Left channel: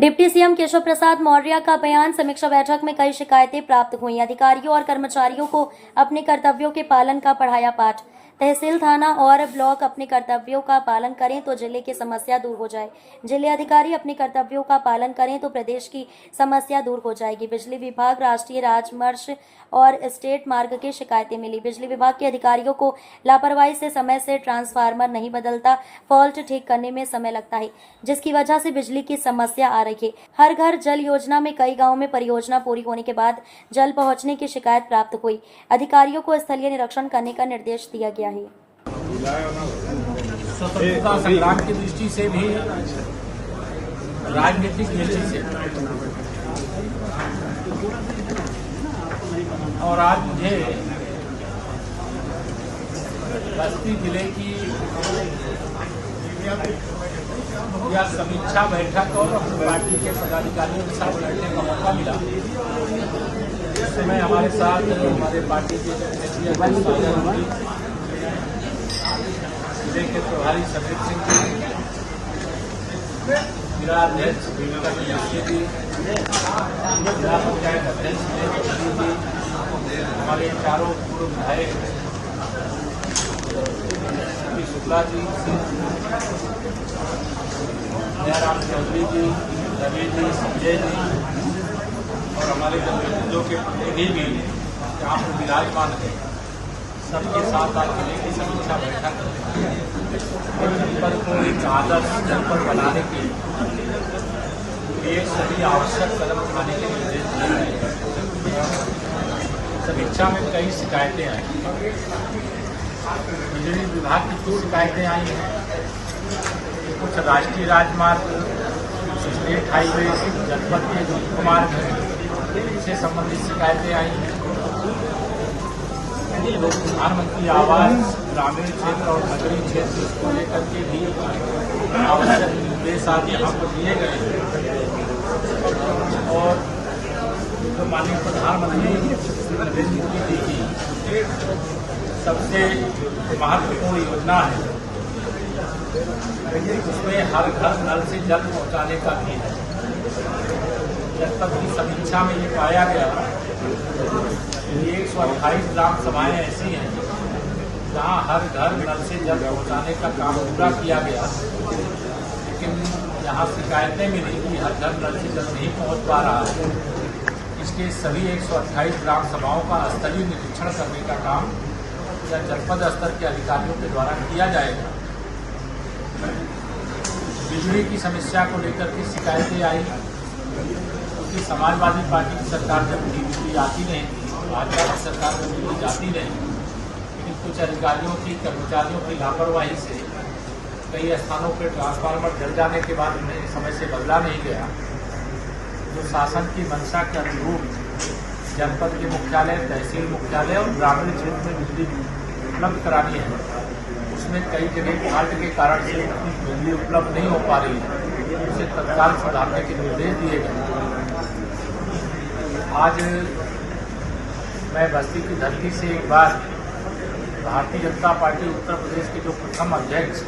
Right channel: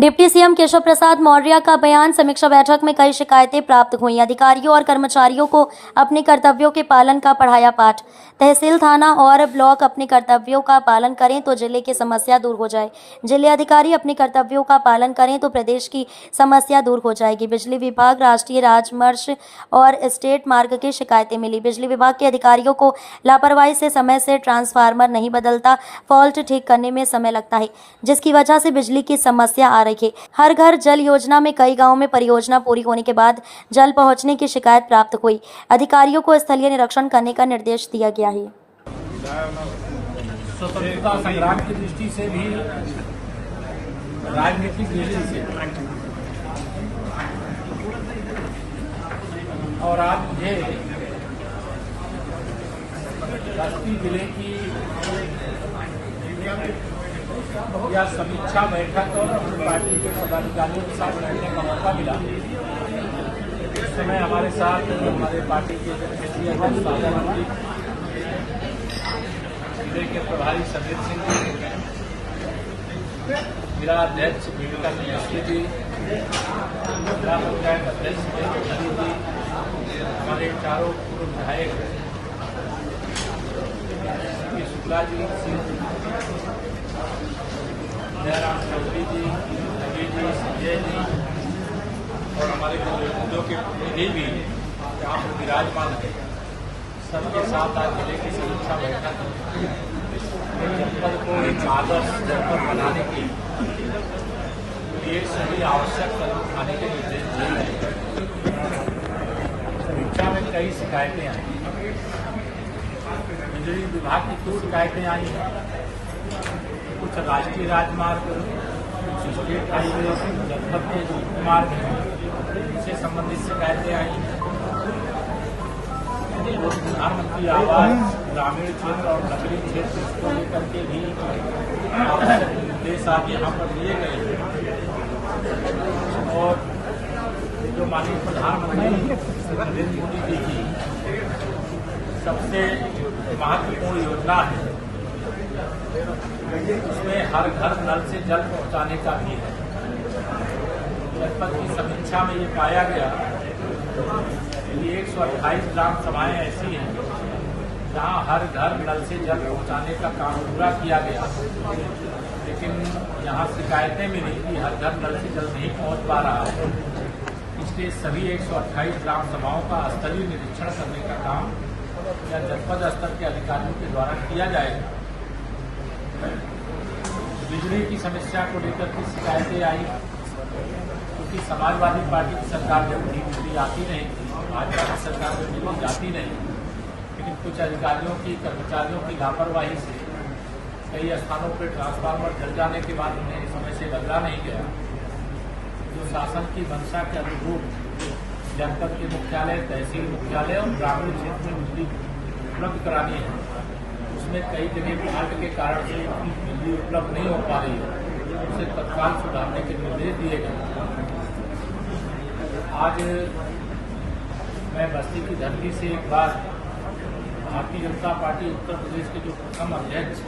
Deputy CM Keshav Prasad Maurya का बयान। समीक्षा बैठक में कई शिकायतें प्राप्त हुई। अधिकारियों और कर्मचारियों को अपने कर्तव्यों के पालन का पढ़ाया पाठ। तहसील, थाना और ब्लॉक अपने कर्तव्यों का पालन करें तो जिले की समस्या दूर हो जाए। जिले अधिकारी अपने कर्तव्यों का पालन करें तो प्रदेश की समस्या दूर हो जाएगी। बिजली विभाग, राष्ट्रीय राजमार्ग और स्टेट मार्ग की शिकायतें मिली। बिजली विभाग के अधिकारियों को लापरवाही से समय से ट्रांसफार्मर नहीं बदलता, फॉल्ट ठीक करने में समय लगता है, जिसकी वजह से बिजली की समस्या आ रही है। हर घर जल योजना में कई गांवों में परियोजना पूरी होने के बाद जल पहुंचने की शिकायत प्राप्त हुई। अधिकारियों को स्थलीय निरीक्षण करने का निर्देश दिया गया है। स्वतंत्रता संग्राम की दृष्टि से भी, राजनीतिक दृष्टि से, और आज मुझे बस्ती जिले की या समीक्षा बैठक और अपनी पार्टी के पदाधिकारियों के साथ बैठने का मौका मिला। इस समय हमारे साथ हमारे पार्टी के क्षेत्रीय अध्यक्ष साजा नंदी, जिले के प्रभारी समीर सिंह जी, जिला अध्यक्ष जीविका मिश्र जी, जिला पंचायत अध्यक्ष जी, हमारे चारों पूर्व विधायक शुक्ला जी, जयराम चौधरी जी, रवि जी, संजय जी और हमारे जनप्रतिनिधियों के प्रतिनिधि भी यहाँ पर विराजमान है। सबके साथ आज जिले की समीक्षा बैठक जनपद को एक आदर्श जनपद बनाने के लिए एक सभी आवश्यक कदम उठाने के निर्देश दिए गए। समीक्षा में कई शिकायतें आई। बिजली विभाग की कुछ शिकायतें आई हैं, कुछ राष्ट्रीय राजमार्ग, कुछ स्टेट हाईवे, जनपद के मुख्य मार्ग से संबंधित शिकायतें आई। प्रधानमंत्री आवास ग्रामीण क्षेत्र और नगरीय क्षेत्र, इसको लेकर के भी आवश्यक निर्देश आज यहाँ पर दिए गए। और जो माननीय प्रधानमंत्री श्री नरेंद्र मोदी जी की सबसे महत्वपूर्ण योजना है, उसमें हर घर नल से जल पहुंचाने का भी है। जनपद की समीक्षा में ये पाया गया कि 128 ग्राम सभाएं ऐसी हैं जहां हर घर नल से जल पहुंचाने का काम पूरा किया गया, लेकिन यहाँ शिकायतें मिली कि हर घर नल से जल नहीं पहुंच पा रहा है। इसके सभी 128 ग्राम सभाओं का स्थलीय निरीक्षण करने का काम या जनपद स्तर के अधिकारियों के द्वारा किया जाएगा। बिजली की समस्या को लेकर के शिकायतें आई, क्योंकि समाजवादी पार्टी की सरकार जब बिजली आती नहीं थी, भाजपा की सरकार में बिजली जाती नहीं, लेकिन कुछ अधिकारियों की, कर्मचारियों की लापरवाही से कई स्थानों पर ट्रांसफार्मर जल जाने के बाद उन्हें समय से बदला नहीं गया। जो शासन की मंशा के अनुरूप जनपद के मुख्यालय, तहसील मुख्यालय और ग्रामीण क्षेत्र में बिजली उपलब्ध करानी है, उसमें कई जगह फाल्ट के कारण से बिजली उपलब्ध नहीं हो पा रही है, उसे तत्काल सुधारने के निर्देश दिए गए। आज मैं बस्ती की धरती से एक बार भारतीय जनता पार्टी उत्तर प्रदेश के जो प्रथम अध्यक्ष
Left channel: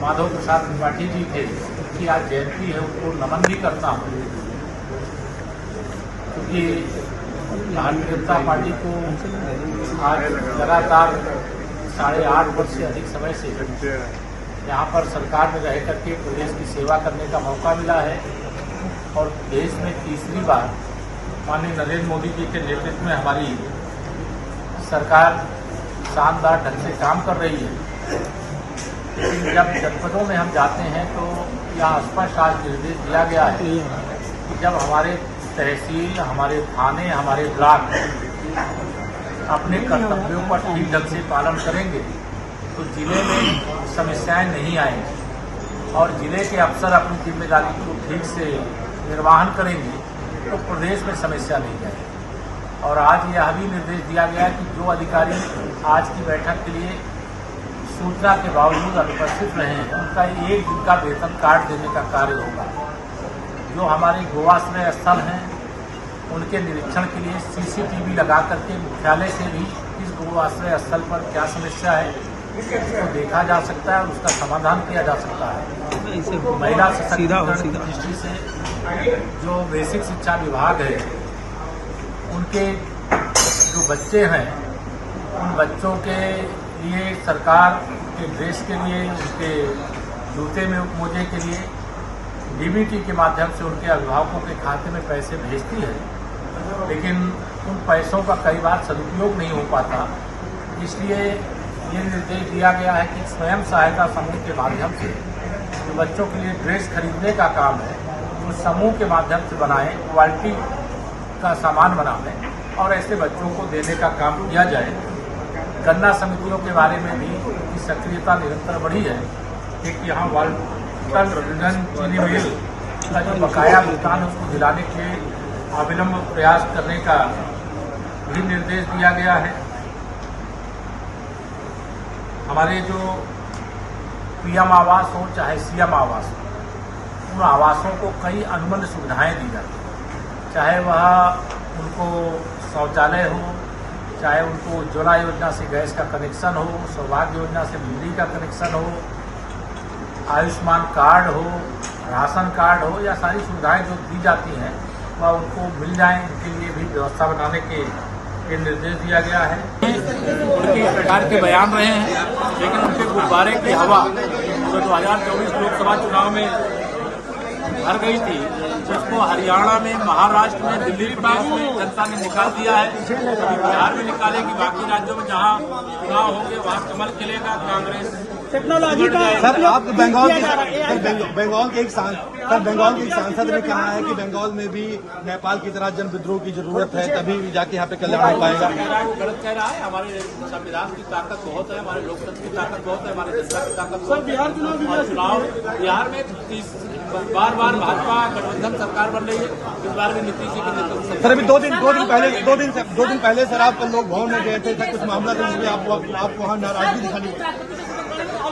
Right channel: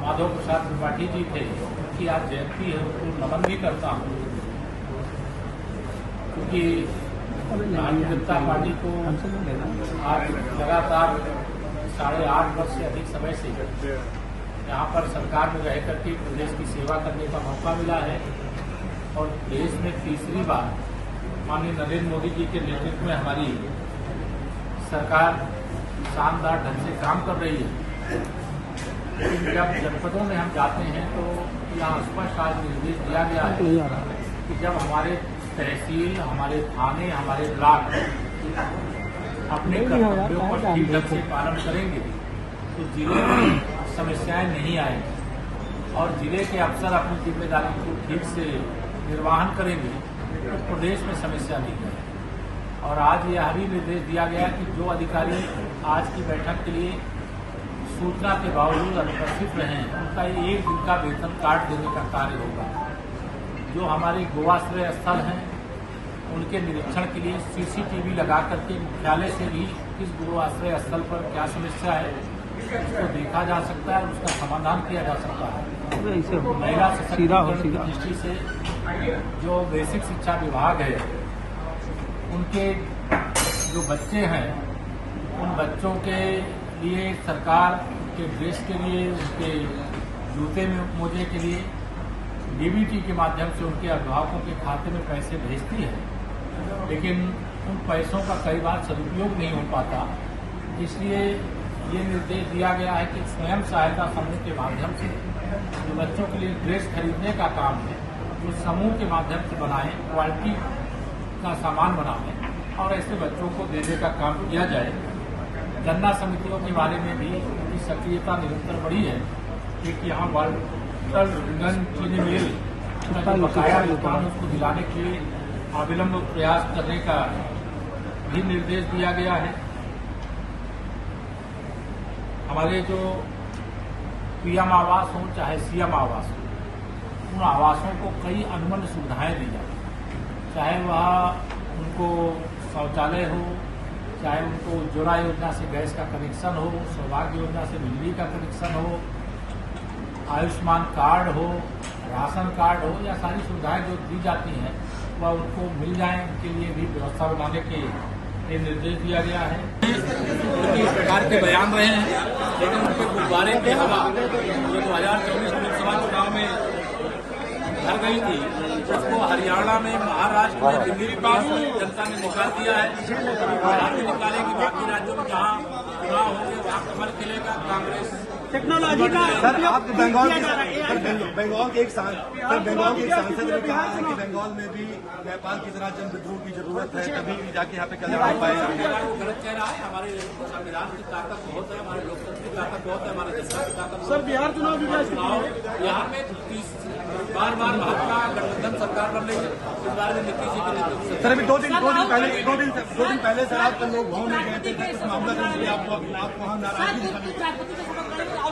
माधव प्रसाद त्रिपाठी जी थे, उनकी आज जयंती है, उनको नमन भी करता हूँ, क्योंकि भारतीय जनता पार्टी को आज लगातार 8.5 वर्ष से अधिक समय से यहाँ पर सरकार में रह करके प्रदेश की सेवा करने का मौका मिला है। और देश में तीसरी बार माननीय नरेंद्र मोदी जी के नेतृत्व में हमारी सरकार शानदार ढंग से काम कर रही है। लेकिन जब जनपदों में हम जाते हैं तो यहाँ स्पष्ट आज निर्देश दिया गया है कि जब हमारे तहसील, हमारे थाने, हमारे ब्लॉक अपने कर्तव्यों पर ठीक ढंग से पालन करेंगे तो जिले में समस्याएं नहीं आएंगी, और जिले के अफसर अपनी जिम्मेदारी को ठीक से निर्वहन करेंगे तो प्रदेश में समस्या नहीं आएगी। और आज यह भी निर्देश दिया गया कि जो अधिकारी आज की बैठक के लिए सूचना के बावजूद अनुपस्थित रहे हैं, उनका 1 दिन का वेतन काट देने का कार्य होगा। जो हमारे गोआश्रय स्थल हैं, उनके निरीक्षण के लिए सीसीटीवी लगा करके मुख्यालय से भी इस गोआश्रय स्थल पर क्या समस्या है उसको देखा जा सकता है और उसका समाधान किया जा सकता है। महिला सशक्तिकरण की दृष्टि से जो बेसिक शिक्षा विभाग है, उनके जो बच्चे हैं, उन बच्चों के लिए सरकार के ड्रेस के लिए, उनके जूते में मोजे के लिए डीबीटी के माध्यम से उनके अभिभावकों के खाते में पैसे भेजती है, लेकिन उन पैसों का कई बार सदुपयोग नहीं हो पाता। इसलिए ये निर्देश दिया गया है कि स्वयं सहायता समूह के माध्यम से जो बच्चों के लिए ड्रेस खरीदने का काम है, उस समूह के माध्यम से बनाएं, क्वालिटी का सामान बनाएं और ऐसे बच्चों को देने का काम किया जाए। गन्ना समितियों के बारे में भी उनकी सक्रियता निरंतर बढ़ी है। एक यहाँ वाल्टर विजन चीनी मिल का जो बकाया भुगतान है उसको दिलाने के लिए अविलंब प्रयास करने का भी निर्देश दिया गया है। हमारे जो पीएम आवास हो चाहे सीएम आवास हो, उन आवासों को कई अनुबंध सुविधाएं दी जाती हैं, चाहे वह उनको शौचालय हो, चाहे उनको उज्ज्वला योजना से गैस का कनेक्शन हो, सौभाग्य योजना से बिजली का कनेक्शन हो, आयुष्मान कार्ड हो, राशन कार्ड हो, या सारी सुविधाएं जो दी जाती हैं वह उनको मिल जाएं। इनके लिए भी व्यवस्था बनाने के निर्देश दिया गया है। उनके इस प्रकार के बयान रहे हैं, लेकिन उनके गुब्बारे की हवा जो 2024 लोकसभा चुनाव में भर गई थी, उसको हरियाणा में, महाराष्ट्र में, दिल्ली प्रदेश में जनता ने निकाल दिया है। बिहार में निकालेगी, बाकी राज्यों में जहां चुनाव होंगे वहां कमल खिलेगा। कांग्रेस टेक्नोलॉजी का उपयोग बंगाल किया जा रहा है। बंगाल के एक सांसद ने कहा है कि बंगाल में भी नेपाल की तरह जन विद्रोह की जरूरत है, तभी भी जाके यहाँ पे कल्याण हो पाएगा। गलत कह रहा है। हमारे संविधान की ताकत बहुत है, हमारे लोकतंत्र की ताकत बहुत है, हमारे जनता की ताकत बहुत है। चुनाव बिहार में बार बार भाजपा गठबंधन सरकार बन रही है। इस बार में नीतीश जी के नेतृत्व से सर अभी दो दिन पहले सर आप लोग भवन में गए थे, कुछ मामला था, इसलिए आपको वहाँ नाराजगी दिखाई।